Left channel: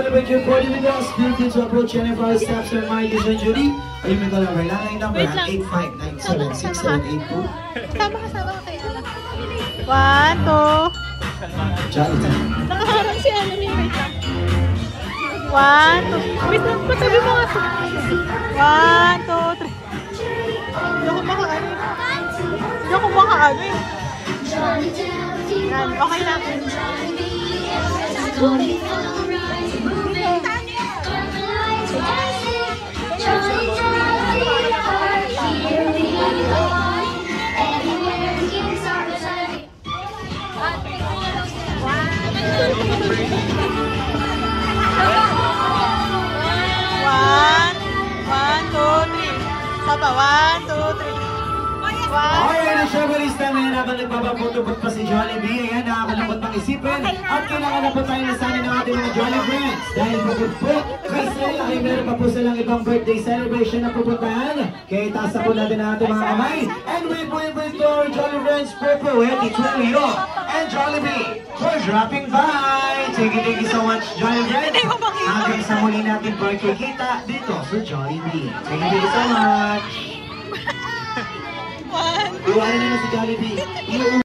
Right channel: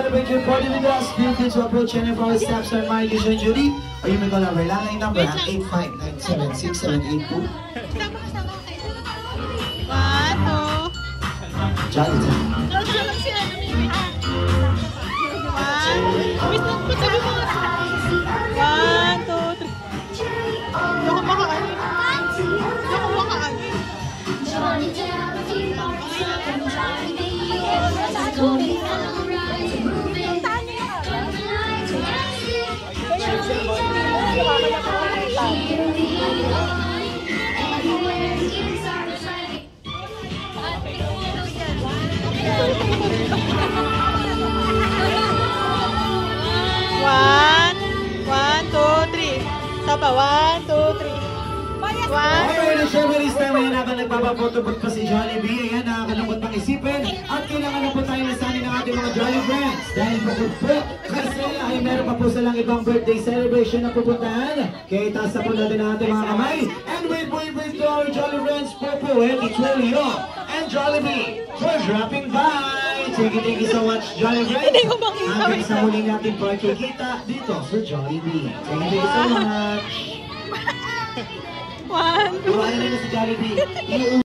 celebrate your party with us, feel free to approach any of our staffs or managers and Judy, or you may call our landline number at 859-76782. 1, 2. Jolly time. 1, 2. Wait lang, patabi mo nga. 1, 2, 3. Hindi ako makaano eh. Hindi ako makaano eh. Okay na. Siyempre, this time ay natin nagpapapotobot pa si Jollibee. Ayan, nakakalungkot pang isipin. At kailangan na po tayo nasanay ng ating mga Jolly Friends. Dahil pagod po, kasi ay meron pa po silang ibang birthday celebration na pupuntahan. Kaya itaas na po natin ang ating mga kamay. And we bring to our Jolly Friends Popo, Eddie Tulio, and Jollibee for dropping by. Thank you so much, Jolly Friends. Hanggang sa muli natin pagkikita dito sa Jollibee. Thank you so much. Iwanan na si Jollibee.